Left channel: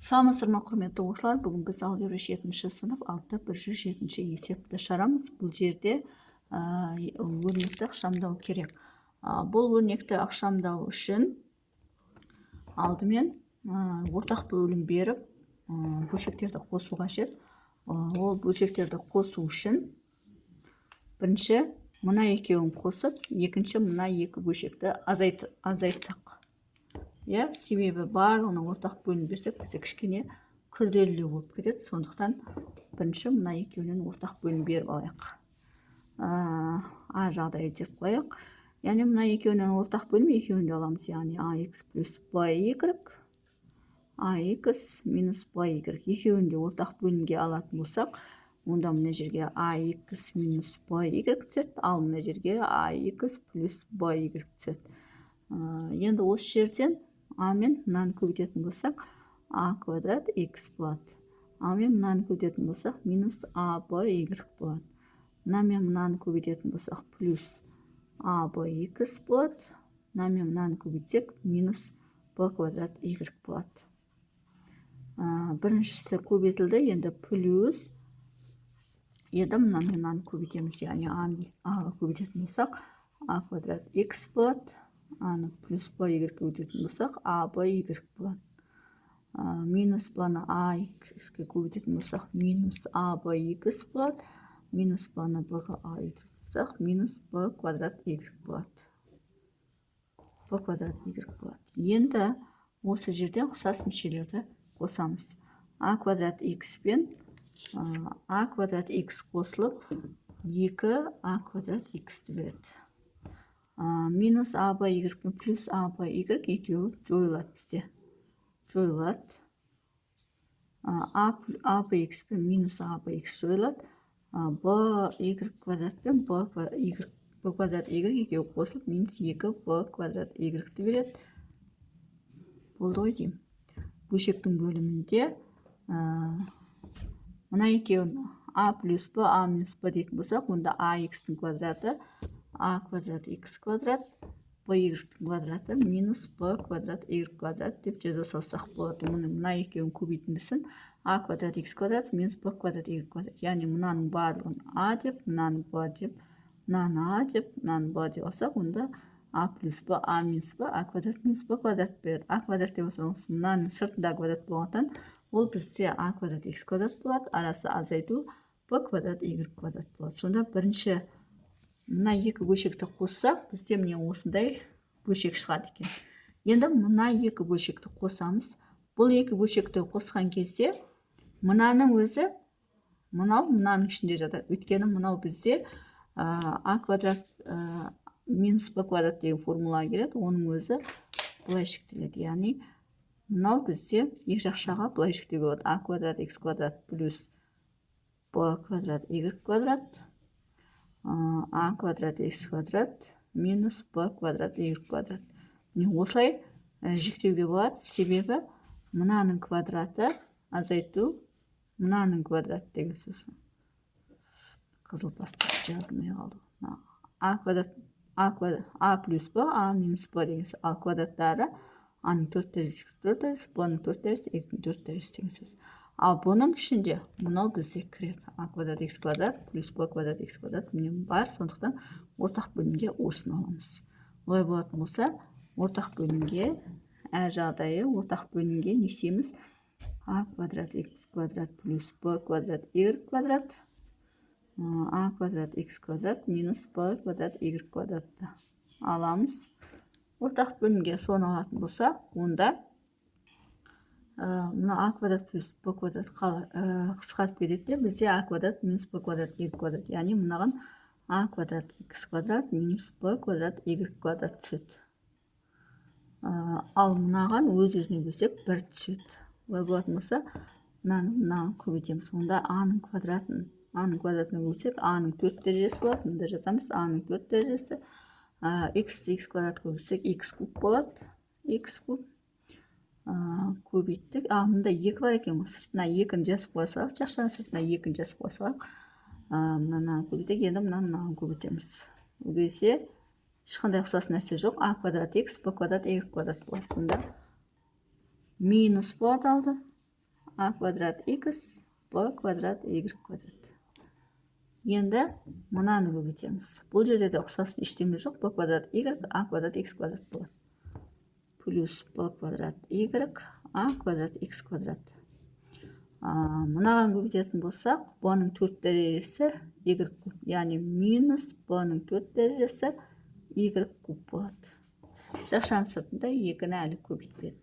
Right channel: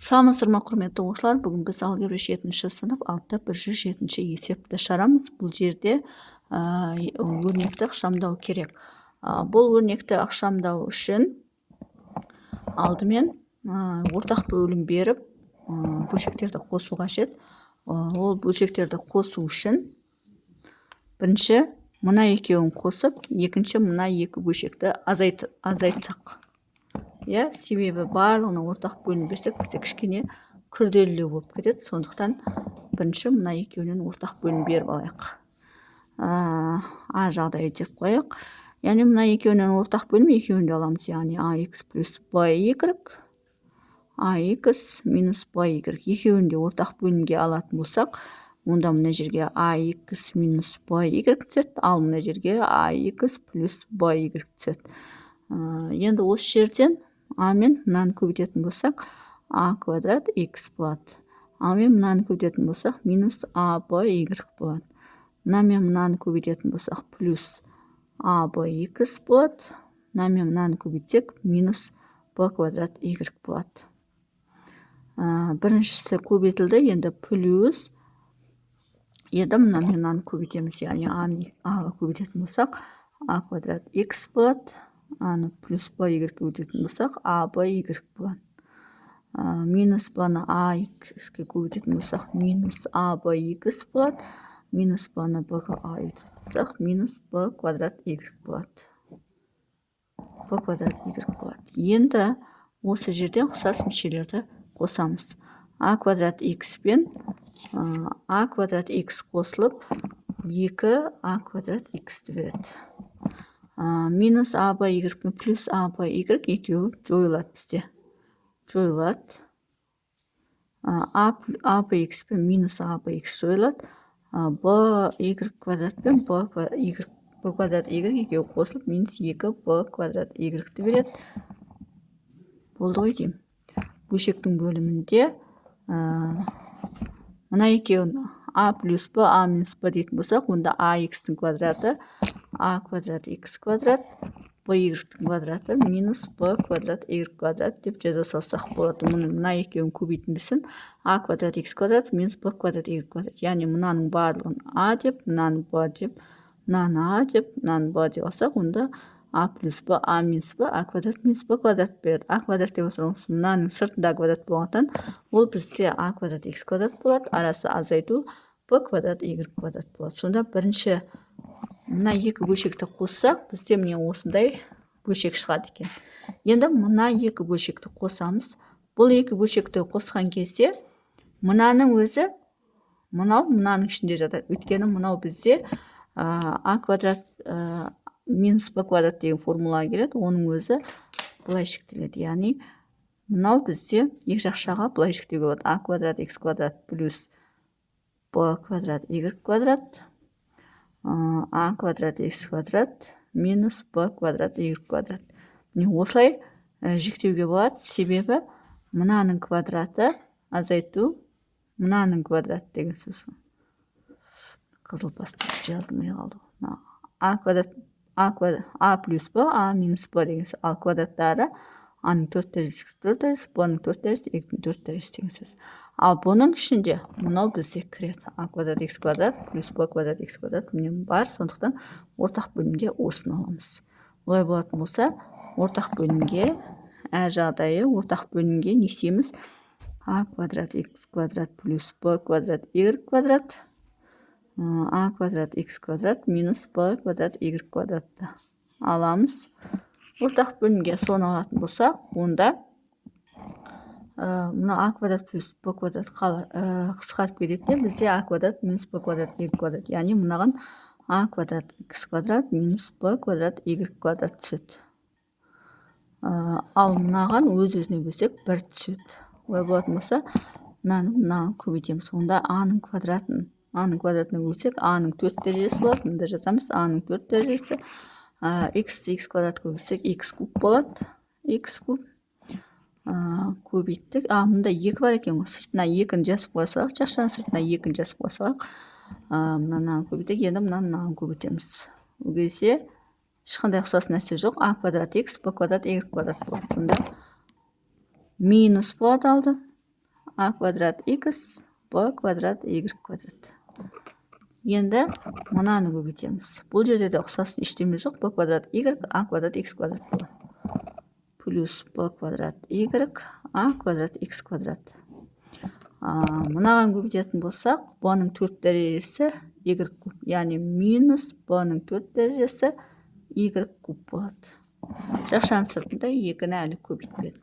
Саламатсыздар ма, құрметті оқушылар? Бүгін біз алгебра 7-ші сынып 107-ші есепті шығарамыз. Бұл жерде өрнекті ықшамдау керек. Бұл өрнекті ықшамдау үшін алдымен ортақ бөлім беріп, бөлшектерді қосу қажет. Ол бөлшектерді қосу үшін бірінші мына екеуін қосып, екінші мына екі бөлшекті азайтсақ. Себебі барлығына ортақ бөлім берсек, бізде кішкене күрделілеу болып кетеді. Сондықтан бірінші мына екеуінен ортақ бөлім беріп алайық. А жағдайы деп қояйық. Яғни мына екеуінен ортақ бөлім екеуінде аламыз. Яғни AX плюс BY, AX минус BY. Екеуінде ортақ бөлімге алатын болсақ, онда мына жерге AX минус BY түседі, ал мына жерге AX плюс BY түседі. Енді осы жерден А мен мынаны көбейтетін болсақ, А квадрат X болады. А мен мынаны көбейтетін болсақ, минус ABY болады. Мына мен мынаны көбейтетін болсақ, плюс ABX болады. Мына мен мынаны көбейтсек, минус B квадрат Y болады. Біріншісі көбейтілді, енді плюс. Енді мына мен мынаны көбейтеміз, яғни Аға көбейтетін болсақ, А квадрат X болады. Аны плюс BY көбейтетін болсақ, ABY болады. Минус баны AX-ке көбейтетін болсақ, минус ABX болады. Минус баны B-ға айтсақ, минус B квадрат Y болады. B квадрат Y болады. Енді осы жерден ұқсас мүшелерді қосамыз. А квадрат X пен А квадрат X қосылып, 2 А квадрат X береді. Минус ABY пен плюс ABY екеуі жойылады бізде. Жойылады. ABX пен минус ABX жойылады. BY квадрат пен B квадрат Y екеуі қосылып, минус 2 B квадрат Y береді. Болды ғой деймін. Бөлшектің бөлімінде мына екеуін А плюс Б, А минус Б дейтін болсақ, онда AX-тің квадраты А квадрат X квадрат, BY-тің квадраты минус B квадрат Y квадрат деп жаза салсақ болады. Мына екеуін көбейтіндісін А квадрат X квадрат минус B квадрат Y квадрат. Яғни мынаның барлығын А деп, мынаның Б деп, мынаны А деп, мынаның Б деп алсақ, онда А плюс Б, А минус Б, А квадрат минус Б квадрат береді. А квадрат деп отырмыз. Мынаның сыртында квадрат болғаннан, ол бізде А квадрат X квадрат болады. Арасы азайту B квадрат Y квадрат болады. Сонда бірінші мына екі бөлшекті қоссақ, бізде міне осындай бөлшек шығады екен. Енді мына екі бөлшекті қосамыз. Бұл екі бөлшекті қосқан кезде, мынаның өзі мынаның ішінде жатады. Өйткені мынау бізде А квадрат минус Б квадрат деген формулаға келеді. Оның өзі былай шектеледі. Яғни мынау бізде екі жақшаға былай шектеуге болады. А квадрат X квадрат плюс Б квадрат Y квадрат, А квадрат X квадрат минус Б квадрат Y квадрат. Осылай жіктеуге болады, себебі мынаның квадраты азайту мынаның квадрат деген сөз. Қызыл бастап жазылмай қалды. А плюс Б, А минус Б деген сөз. Ал квадраттары Аның 4 дәрежесі 4 дәрежесі, Б-ның 4 дәрежесі, Y-ның 4 дәрежесі деген сөз. Ал бұның ішінде мынау бізде кіреді. А квадрат X квадрат плюс Б квадрат X квадрат міне бар. Сондықтан ортақ бөлімде осыны аламыз. Олай болатын болса, ортақ бөлімге, әр жағдайы ортақ бөлімге несеміз А квадрат X квадрат плюс Б квадрат Y квадрат, А квадрат X квадрат минус Б квадрат Y квадратты аламыз. Ортақ бөлімге соны алатын болсақ, онда мына А квадрат плюс Б квадрат қысқарып кетеді. Бізде А квадрат минус Б квадрат Y квадрат. Яғни мынаған А квадрат X квадрат минус Б квадрат Y квадрат түседі. Ал мынаған өз-өзіне бөлсек 1 түседі. Олай болатын болса, мынаны көбейтеміз. Онда Аның квадратына бөлсек, Аның 4 дәрежесі болады. Мында жазамыз Аның 4 дәрежесі. X квадрат көбейтсек, X куб болады. X куб көбейттік. Мында 2 бар екен. Сыртына 2-ні жазып қойсақ, жақшаның сыртына 2-ні жазып қойсақ, мынаны көбейттік. Енді мынаны көбейтеміз. Ол кезде ешқандай ұқсас нәрсе жоқ. А квадрат X, Б квадрат Y квадрат болады. Сонда минус болады алды. а квадрат x b квадрат y квадрат. Енді мынаны көбейтеміз. Бұл жерде де ұқсас ештеме жоқ. b квадрат y а квадрат x квадрат болады. Плюс b квадрат y а квадрат x квадрат. Мынаған көбейтетін болсақ, b-ның 4 дәрежесі y куб. Яғни минус b-ның 4 дәрежесі y куб болады. Жақшаның сыртында 2-ні әлі көбейтпеді.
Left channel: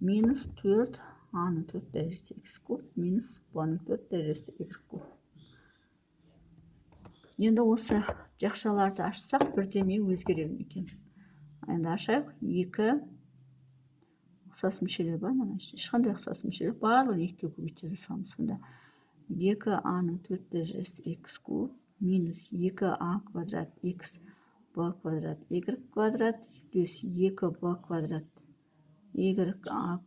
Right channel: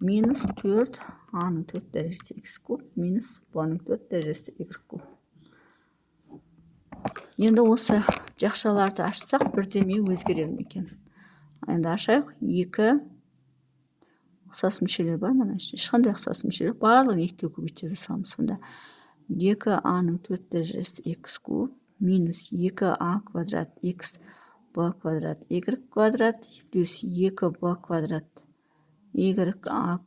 Минус 4 a-ның 4 дәрежесі x куб, минус b-ның 4 дәрежесі y куб. Енді осы жақшаларды ашсақ, бірдеме өзгерер ме екен? Енді ашайық. 2 ұқсас мүшелер бар ма? Ешқандай ұқсас мүшелер барлығын 2-ге көбейтеді саламыз. Сонда 2a-ның 4 дәрежесі x куб минус 2a квадрат x b квадрат y квадрат плюс 2b квадрат y a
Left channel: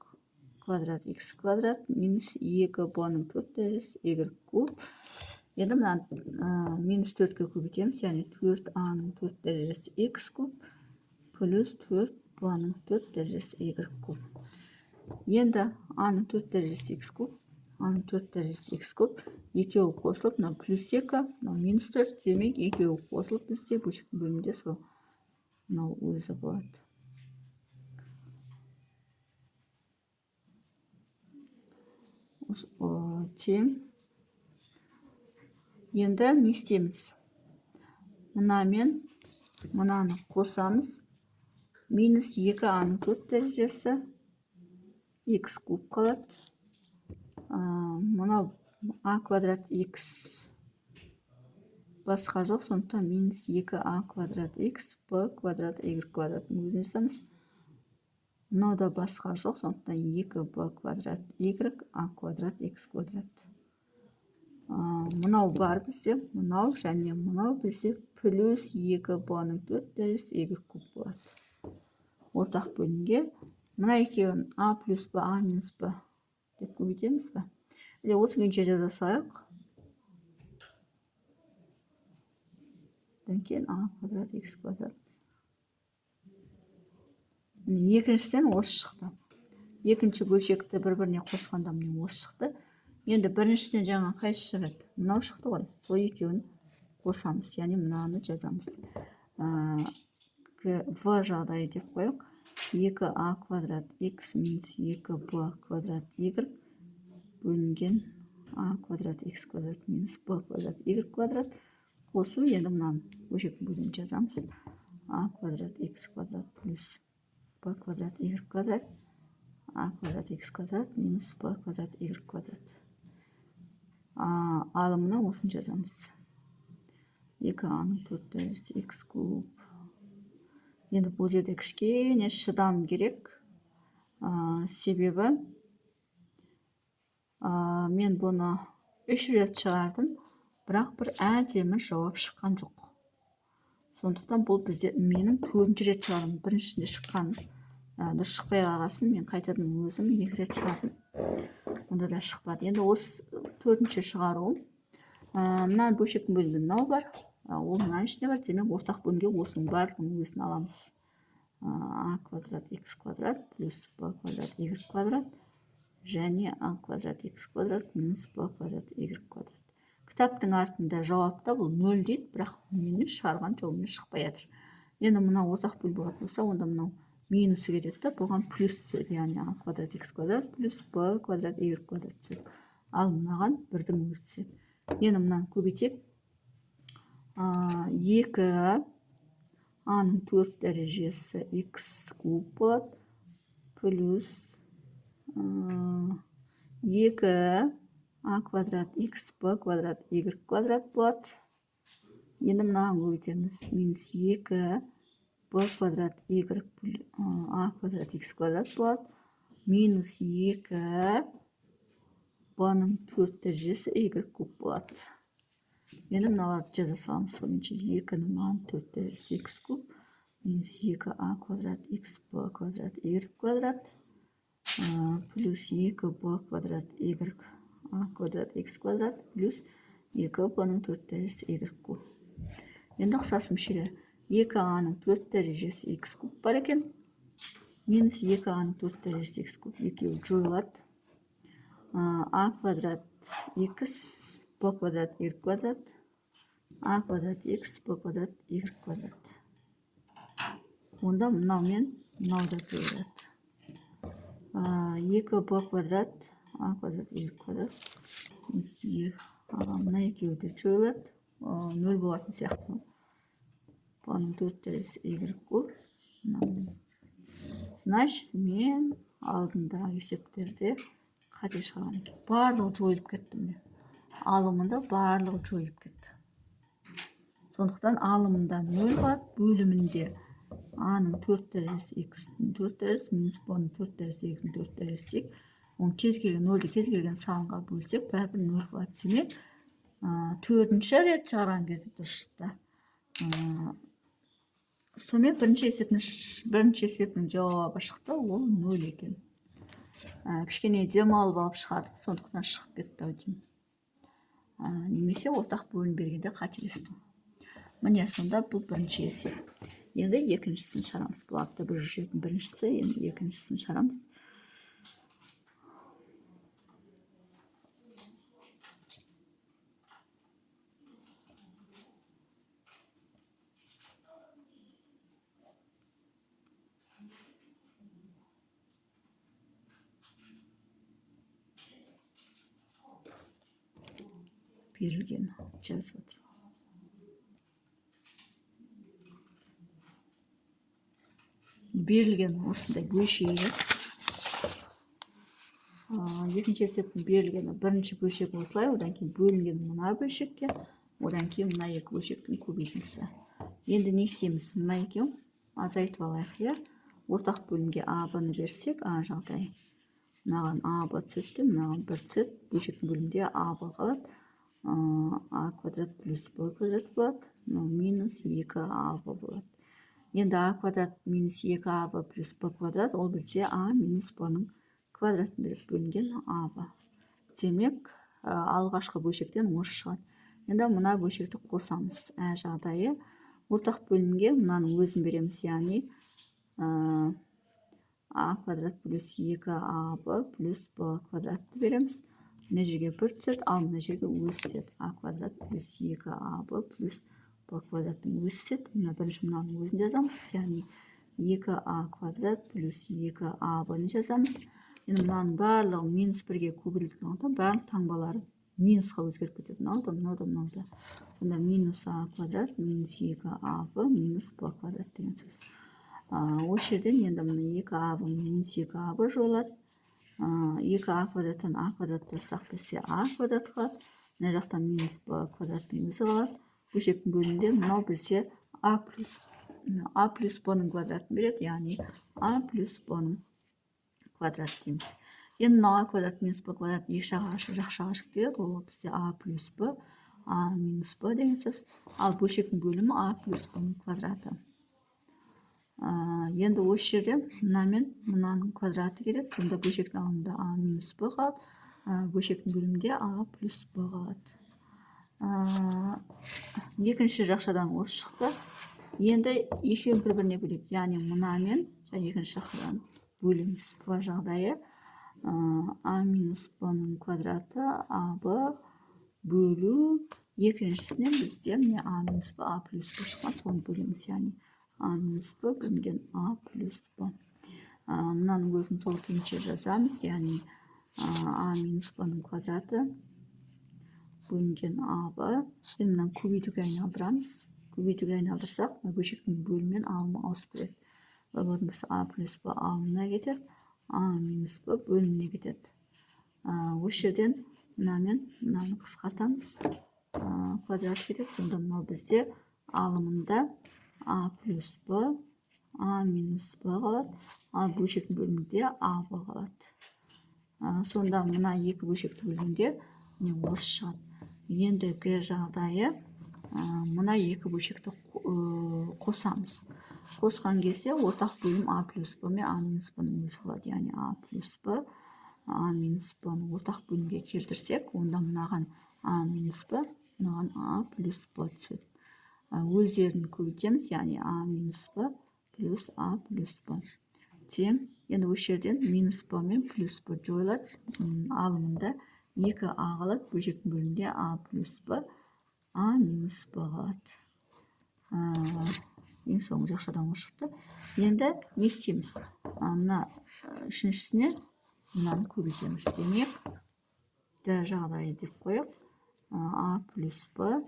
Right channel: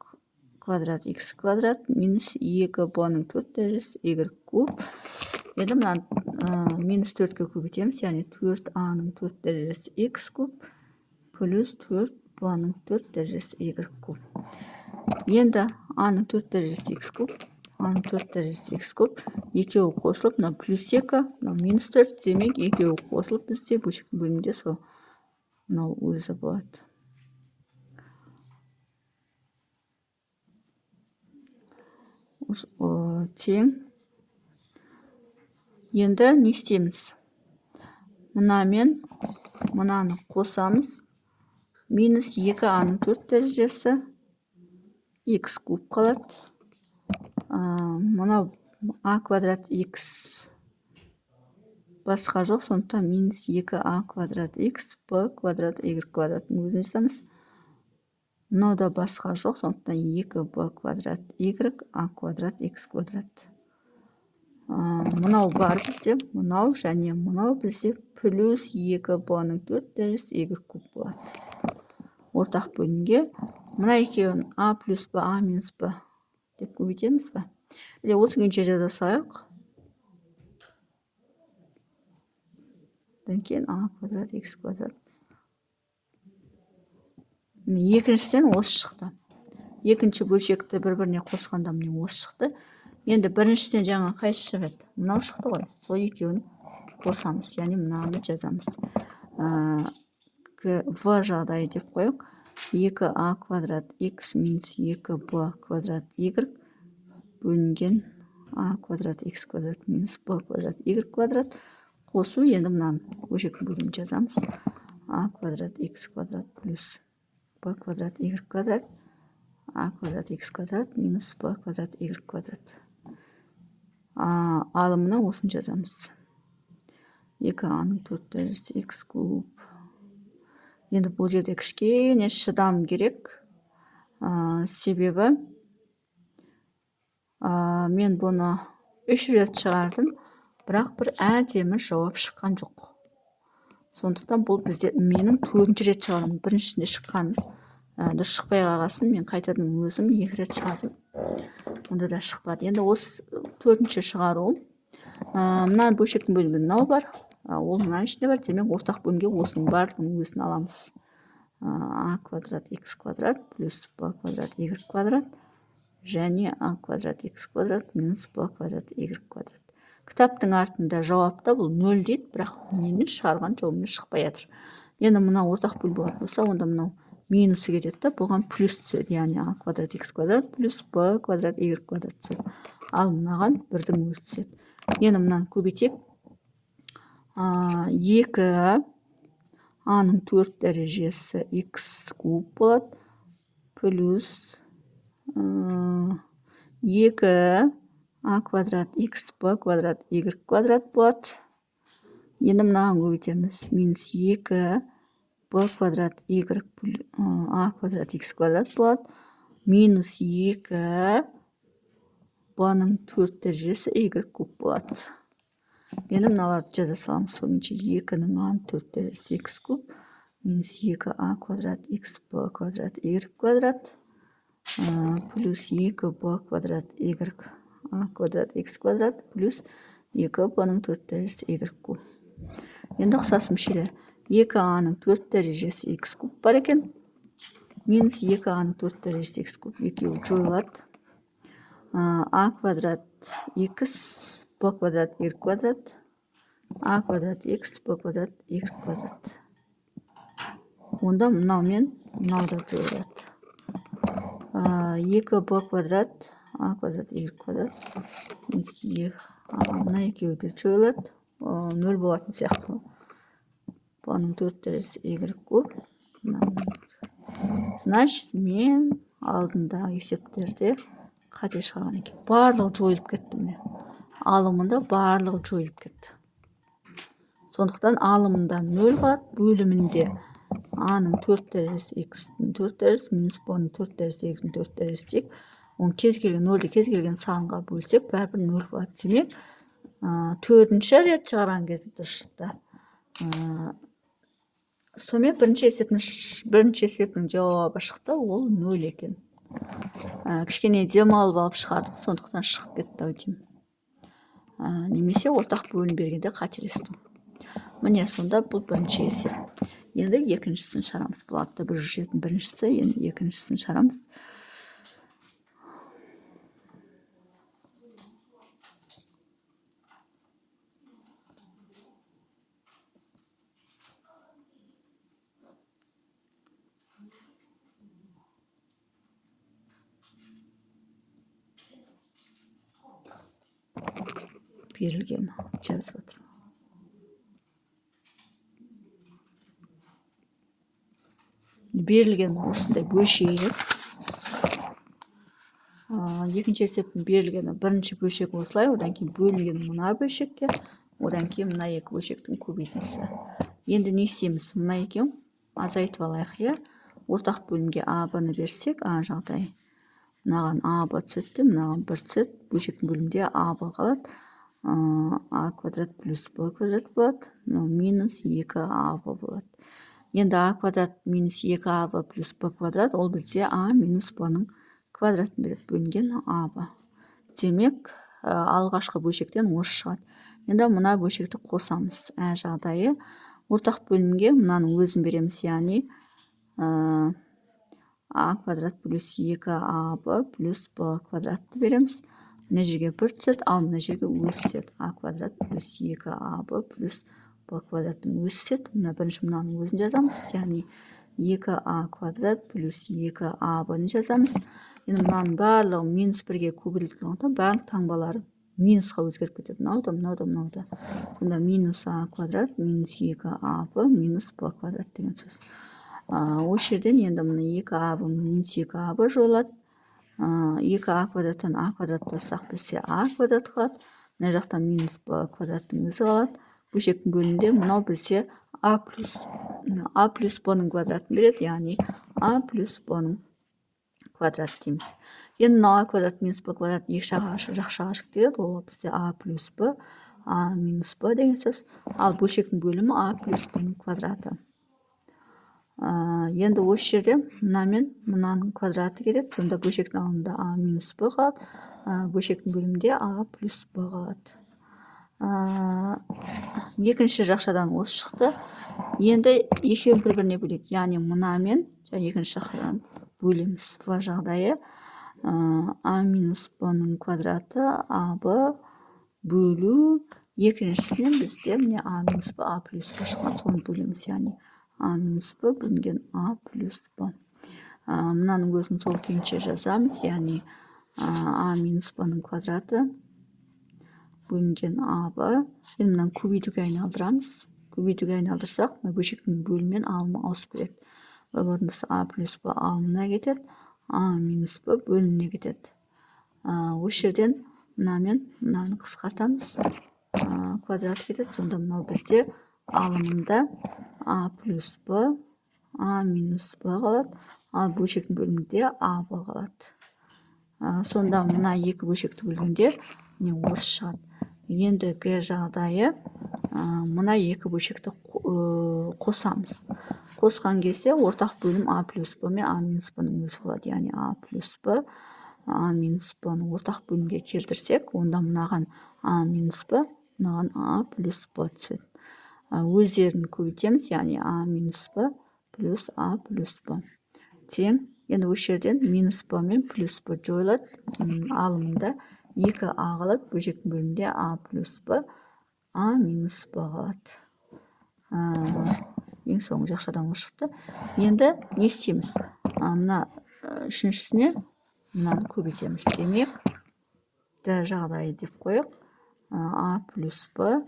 квадрат x квадрат минус 2b-ның 4 дәрежесі y куб. Енді мына минус 4-ке көбейтеміз, яғни 4a-ның 4 дәрежесі x куб плюс 4b-ның 4 дәрежесі y куб. Енді a-ның 4 дәрежесі x куб, a-ның 4 дәрежесі x куб, екеуі қосылып, мына плюс 2, мына минус 4, демек екеуі қосылып бізде бөлшектің бөлімінде сол мынау өзі болады. Тең. Енді не істейміз? Мұнамен мұнаны қосамыз. Минус 2a-ның 4 дәрежесі x куб қалады. Мұнау a квадрат x басқа жоқ, сондықтан минус 2a квадрат x b квадрат y квадраттың өзін жасаймыз. Мынау да басқа жоқ, сондықтан 2b квадрат y a квадрат x квадрат. Мынау бар бізде, мынау және мынау бізде плюс 2b-ның 4 дәрежесі y куб болады. Ортақ бөлімге мына екеуін a плюс b, a минус b деп көбейтеміз ба? Или осы күйінше жаза салайық. Одан кейін a квадрат x квадрат. Екіншіден осы шықты. Екінші бөлшекті бір-біріне қосқанда міне осы шықты. Енді біріншіден жаңа қайсы шығады? Мынау шықты ғой. Сол екеуін қосамыз, яғни мынаны жазамыз. В жағдайы деп қойық. 2a квадрат x минус 2b квадрат y бөлінген a квадрат x квадрат минус b квадрат y квадрат. Қосу, енді мынаны бөлшектің бөлімін жазамыз. a квадрат x квадрат плюс b квадрат y квадрат a квадрат x квадрат минус b квадрат y квадрат. Ал мына осын жазамыз. 2a-ның 4 дәрежесі x куб. Енді бұл жерде кішкене шыдам керек. Себебі мен бұны 3 рет шығардым, бірақ бір әдемі жауап шыққан жоқ. Сондықтан бұл бізде менің 4-ші рет шығардым. Біріншісінде шыққан дұрыс шықпай қалғасын, мен қайтадан өзім 2 рет шығардым. Онда да шықпады. Енді осы 4-ші шығару. Мына бөлшектің бөлімі мынау бар. Ол мына ішінде бар. Демек ортақ бөлімге осының барлығын өзін аламыз. a квадрат x квадрат плюс b квадрат y квадрат және a квадрат x квадрат минус b квадрат y квадрат. Кітаптың артында жауапта бұл 0 дейді, бірақ мені шығарған жолымен шықпай жатыр. Енді мына ортақ бөлім болатын болса, онда мынау минусы кетеді, бұған плюс түседі, яғни a квадрат x квадрат плюс b квадрат y квадрат түседі. Ал мынаған бірдің өзі түседі. Енді мынаны көбейтек. 2 a-ның 4 дәрежесі x куб болады плюс 2 a квадрат x b квадрат y квадрат болады. Енді мынаған көбейтеміз. Минус 2 b квадрат y a квадрат x квадрат болады. Минус 2 b-ның 4 дәрежесі y куб болады. Енді мыналарды жаза саламыз. Соныңша 2-ның a-ның 4 дәрежесі x куб минус 2a квадрат x b квадрат y квадрат плюс 2b квадрат y a квадрат x квадрат плюс 2b-ның 4 дәрежесі y куб. Енді ұқсас мүшелер. 2a-ның 4 дәрежесі x куб бар екен. Минус 2a-ның 4 дәрежесі x куб екеуі жойылады. а квадрат x b квадрат y квадрат а квадрат x b квадрат y квадрат. Онда мынау мен мынау да жойылады. 2b квадрат а квадрат y квадрат мына екеуі де жойылады. 0 болатын сияқты ғой. Бұның 4 дәресі y куб. Значит, мен алдындағы есептерде қате шығарған екен. Барлығы жойылып кетті міне. Алымында барлығы жойылып кетті. Сондықтан алымында 0 қалады, бөлімінде a-ның 4 дәресі x-дің 4 дәресі минус b-ның 4 дәресі y-дің 4 дәресі тек. Оны кез келген 0-ді кез келген санға бөлсек, бәрібір 0 болады. Демек, 4-ші рет шығарған кезде дұрыс шықты. Сонымен бірінші есептің жауабы шықты, ол 0 екен. Кішкене демалып алып шығардық, сондықтан шығып кетті ау деймін. Немесе ортақ бөлім бергенде қателестім. Міне сонда бұл бірінші есеп. Енді екіншісін шығарамыз. Бұл атта 107-дің біріншісі, енді екіншісін шығарамыз. Берілген жазып отыр. Берілген осындай бөлшегі. Екінші есептің берілгені бірінші бөлшек осылай, одан кейін бөлінген мына бөлшекке, одан кейін мына екі бөлшектің көбейтіндісі. Енді не істейміз? Мына екеуін азайтып алайық, иә. Ортақ бөлімге а-ны берсек, а жағдай. Мынаған а-б түседі, мынаған 1 түседі. Бөлшектің бөлімінде а-б қалады. А квадрат плюс b квадрат болады. Минус 2аб болады. Енді а квадрат минус 2аб плюс b квадрат, ол бізде а минус b-ның квадратын береді, бөлінген аб. Демек, алғашқы бөлшектен осы шығады. Енді мына бөлшекті қосамыз. Ә жағдайы ортақ бөлімге мынаның өзін береміз, яғни а квадрат плюс 2аб плюс b квадратты береміз. Мына жерге 1 түседі, ал мына жерге өз түседі. А квадрат плюс 2аб плюс b квадраттың өз түседі. Мына бірінші мынаның өзін жазамыз, яғни 2а квадрат плюс 2аб-ны жазамыз. Енді мынаның барлығы минус 1-ге көбейтілген оңда, барлық таңбалары минусқа өзгеріп кетеді. Мынау да. Сонда минус а квадрат минус 2аб минус b квадрат деген сөз. Осы жерден енді мына 2аб минус 2аб жойылады. 2а квадраттан а квадраттасақ бізде а квадрат қалады. Мына жақта минус b квадраттың өзі қалады. Бөлшектің бөлімінде мынау бізде а плюс b-ның квадратын береді, яғни а плюс b-ның квадрат дейміз. Енді мынау а квадрат минус b квадрат екі жақшаға шектеледі, ол бізде а плюс b, а минус b деген сөз. Ал бөлшектің бөлімі а плюс b-ның квадраты. Енді осы жерде мынамен мынаның квадраты келеді, сонда бөлшектің алымында а минус b қалады, бөлшектің бөлімінде а плюс b қалады. Екінші жақшадан осы шықты. Енді екеуін бір-біріне бөлейік, яғни мынамен екінші жақшадан бөлеміз. В жағдайы а минус b-ның квадраты аб бөлу екіншісінен бізде міне а минус b, а плюс b шыққан, соны бөлеміз, яғни а минус b бөлінген а плюс b. Мынаның өзін сол күйінше жазамыз, яғни а минус b-ның квадраты бөлінген аб. Енді мынаны көбейтуге айналдырамыз. Көбейтуге айналдырсақ, бөлшектің бөліммен алымы ауысып кетеді. Болатын болса а плюс b алымына кетеді, а минус b бөліміне кетеді. Осы жерден мынамен мынаны қысқартамыз. Квадрат кетеді, сонда мынау бізде алымында а плюс b, а минус b қалады, ал бөлшектің бөлімінде аб қалады. Сонда мына екі бөлшекті бөлгенде не осы шығады. Ендігі жағдайы мына екі бөлшекті қосамыз. Қосқан кезде ортақ бөлім а плюс b мен а минус b-ның өзі болады, яғни а плюс b, а минус b-ны ортақ бөлімге келтірсек, онда мынаған а минус b, мынаған а плюс b түседі. Өздерін көбейтеміз, яғни а минус b плюс а плюс b. тең. Енді осы жерден минус б мен плюс б жойылады. Алымында 2а қалады. Бөлшектің бөлімінде а плюс б, а минус б қалады. Ең соңғы жақшадан осы шықты. Енді не істейміз? Мына үшіншісіне мынаны көбейтеміз. Демек, д жағдайы деп қояйық. А плюс б,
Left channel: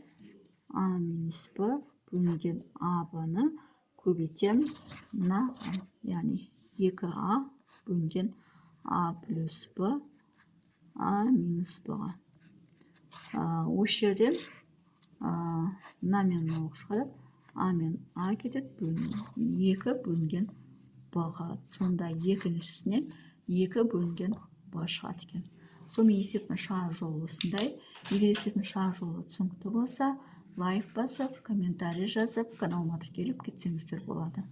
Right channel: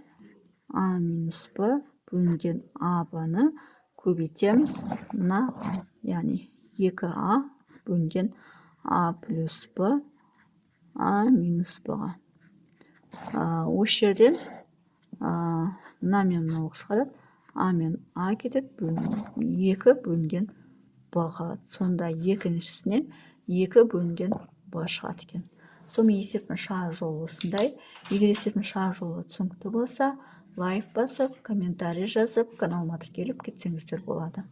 а минус б бөлінген а б-ны көбейтеміз. Мына, яғни 2а бөлінген а плюс б, а минус б-ға. Осы жерден мына мен мынау қысқарады. А мен а кетеді, 2 бөлінген б қалады. Сонда екіншісінен 2 бөлінген б шығады екен. Сонымен есептің шығар жолы осындай. Егер есептің шығар жолы түсінікті болса, лайк басып, комментарий жазып, каналыма тіркеліп кетсеңіздер болады.